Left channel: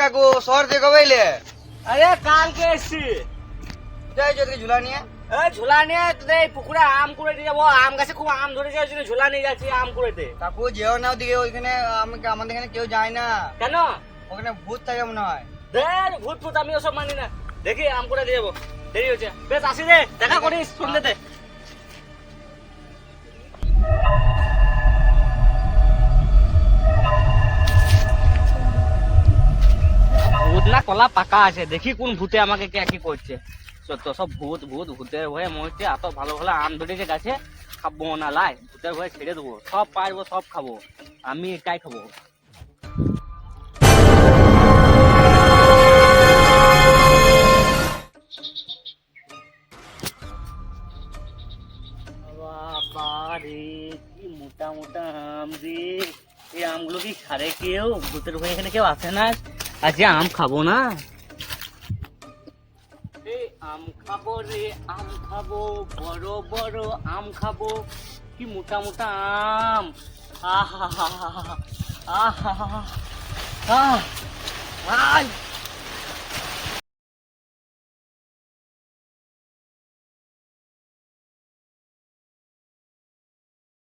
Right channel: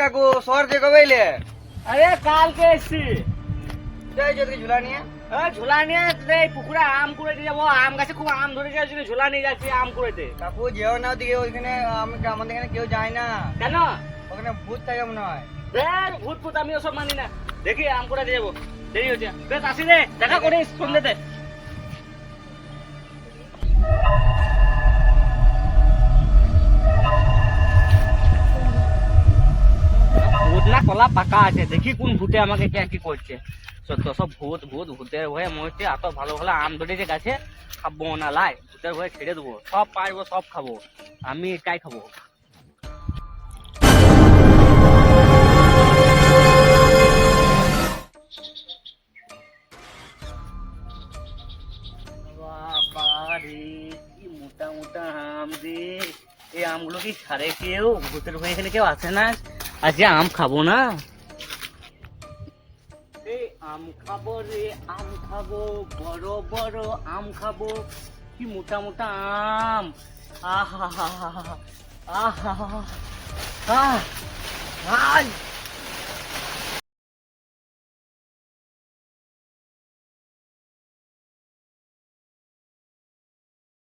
কাকু শহর থেকে কবে এলে? আরে কালকে এসছি। যাই যদি ঝুলা নিয়ে। ঝোলা নিয়ে এই পুকুরে আম কুড়াইতে যাবো। আম গাছে খুব আম ধরেছে, ওই জন্য ঝোলা নিয়ে যাচ্ছি আম কুড়াইতে। কাকু যেও না ওদিকে, ওইখানে আমাদের এখানে কেউ যায় না। কেন? ওখানে ভূত থাকে মনে হয়। ভূত ফুত আমি ওসব মানি না। দেখি আম কুড়াইতে যাবো, দেরি হচ্ছে। বেশ আসি রে, দেখা করিস সন্ধ্যেতে। ভূত না কলা পাকা আছে, দেখি কোন ভূতে আমাকে কে কি করছে। সত্য সব ভূত ভূত ভূতের ভয়ে মরছে। এত ভালো ভালো আম ধরেছে গাছে, খাবো না লাই, ভূতের ভয়ে ছেড়ে দেবো। সব পারবো, সব খাবো, আমি একাই খাবো। বাবারে কি মোটা মোটা আম রে! এই আমগুলো কি ছাড়ে কেউ? ভূতের ভয়ে এখানে কেউ আছে না? আজ আম খাবো না। এই আম খাবো রে, আম খাবো, বড় বড় আম খাবো। কি মোটা মোটা আম! আহা হা হা হা, আহা হা হা, আহ